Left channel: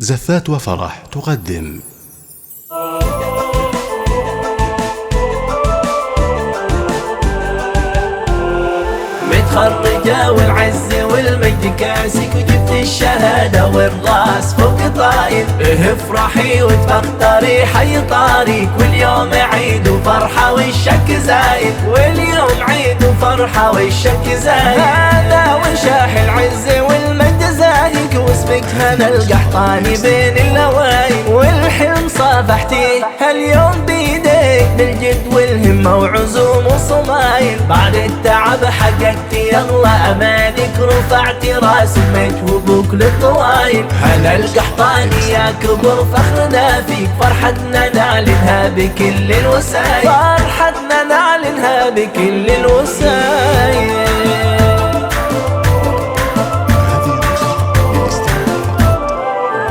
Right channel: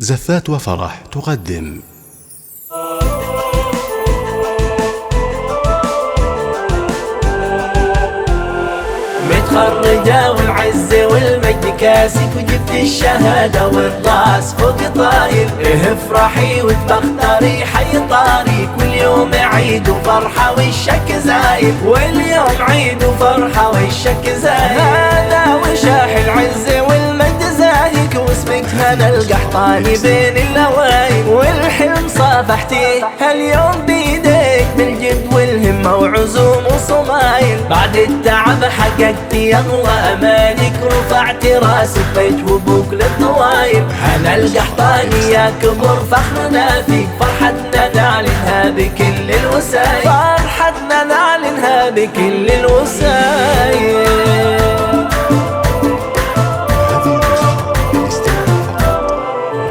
زفات وفرح تقدم. متخرجة والعز والمجد كاسك، وجبت الشهادة والراس فوق طاير. افرحي وتفخري حي طاريك، واليوم عيد وفرحة والشك زايد، واليوم عيد وفرحة والشك زايد. هذا وشاح العز والمجد زاهيك، واسمك هنا القحطاني بين اللوايل، والحلم صافحتيه هاليوم بيديك بالجد والهمة وعزوم وصمايل. بعد التعب حققتي اغلى امالك، رفعت راسك بيت وبوك للطوايل. هلا القحطاني يا كبر فخرنا فيك، فرحتنا نعلنها بكل الوسايل، فرحتنا نعلنها بكل الوسايل.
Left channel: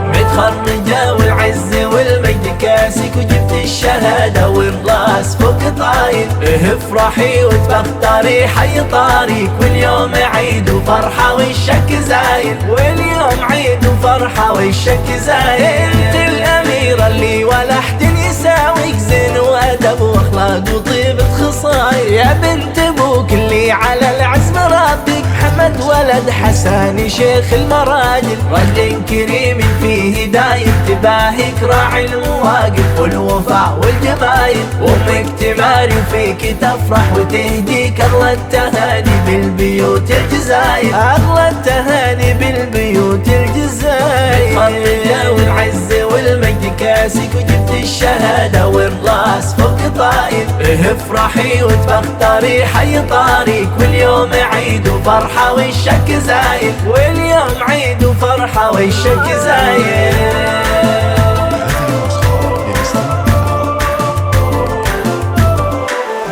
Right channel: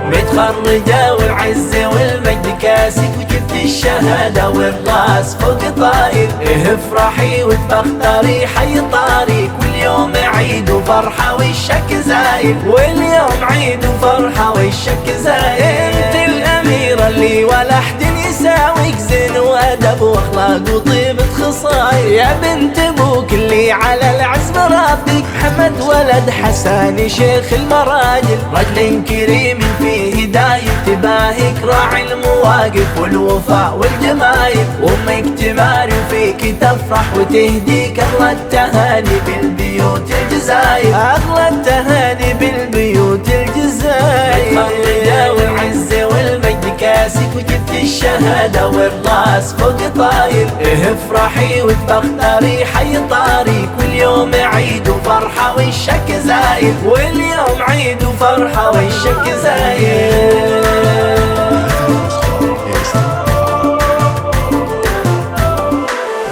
متخرجة والعز والمجد كاسك، وجبت الشهادة والراس فوق طاير. افرحي وتفخري حي طاريك، واليوم عيد وفرحة والشك زايد، واليوم عيد وفرحة والشك زايد. انت الأميرة اللي ولا حد يساويك، زين وأدب وأخلاق وطيبة خصاير. يا بنت أبوك اللي على العزم ربك، حمد ولد حساني شيخ المراجل. رجل كريم فيه دايم تباهيك، راعي المواقف والوفاء والجمايل. وامك تماري وفيك تفرح وتهديك اغلى التهاني بالبيوت الجزاير، اغلى التهاني بالبيوت الجزاير. متخرجة والعز والمجد كاسك، وجبت الشهادة والراس فوق طاير. افرحي وتفخري حي طاريك، واليوم عيد وفرحة والشك زايد، واليوم عيد وفرحة والشك زايد.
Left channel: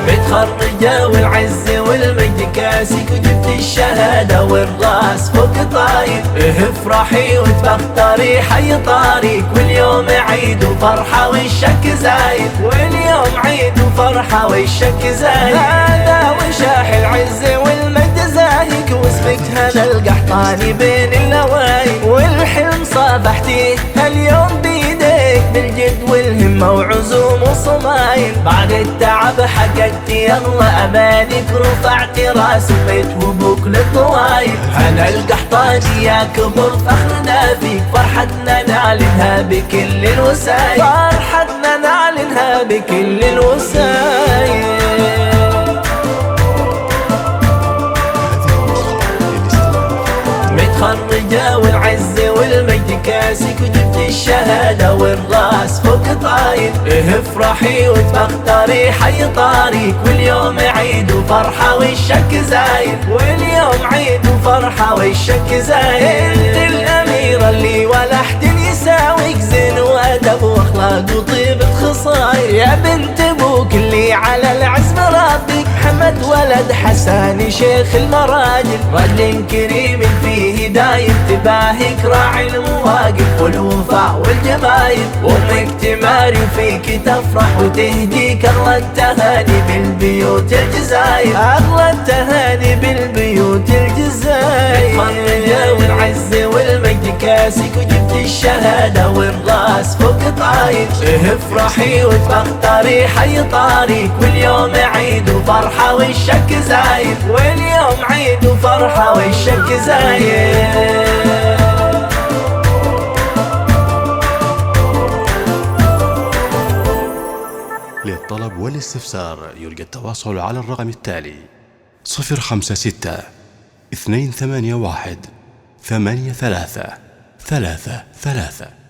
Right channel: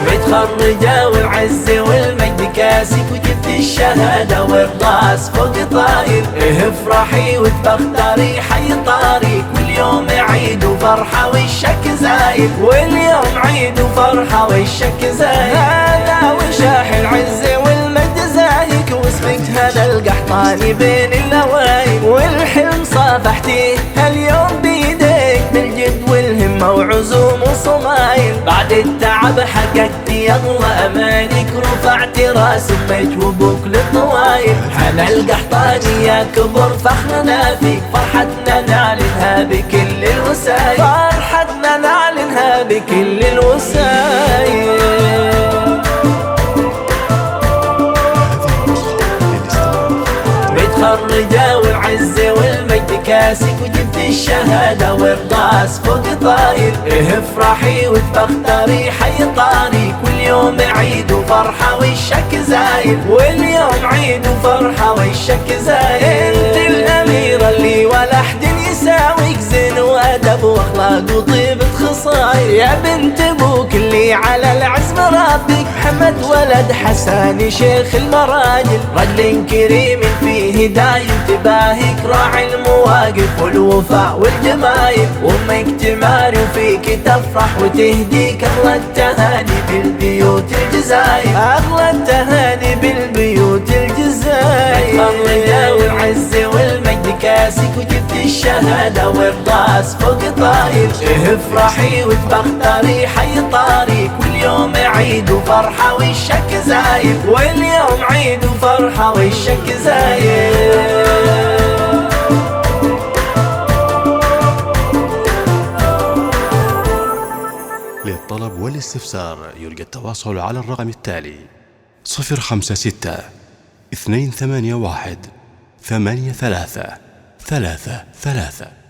متخرجة والعز والمجد كاسك، وجبت الشهادة والراس فوق طاير. افرحي وتفخري حي طاريك، واليوم عيد وفرحة والشك زايد، واليوم عيد وفرحة والشك زايد. هذا وشاح العز والمجد زاهيك، واسمك هنا القحطاني بين اللوايل، والحلم صافحتيه هاليوم بيديك بالجد والهمة وعزوم وصمايل. بعد التعب حققتي اغلى امالك، رفعت راسك بيت وبوك للطوايل. هلا القحطاني يا كبر فخرنا فيك، فرحتنا نعلنها بكل الوسايل، فرحتنا نعلنها بكل الوسايل. متخرجة والعز والمجد كاسك، وجبت الشهادة والراس فوق طاير. افرحي وتفخري حي طاريك، واليوم عيد وفرحة والشك زايد، واليوم عيد وفرحة والشك زايد. انت الأميرة اللي ولا حد يساويك، زين وأدب وأخلاق وطيبة خصاير. يا بنت أبوك اللي على العزم ربك، حمد ولد حساني شيخ المراجل. رجل كريم فيه دايم تباهيك، راعي المواقف والوفاء والجمايل. وامك تماري وفيك تفرح وتهديك اغلى التهاني بالبيوت الجزاير، اغلى التهاني بالبيوت الجزاير. متخرجة والعز والمجد كاسك، وجبت الشهادة والراس فوق طاير. افرحي وتفخري حي طاريك، واليوم عيد وفرحة والشك زايد، واليوم عيد وفرحة والشك زايد. للطلب والاستفسار يرجى التواصل على الرقم التالي: 056 281 83 33.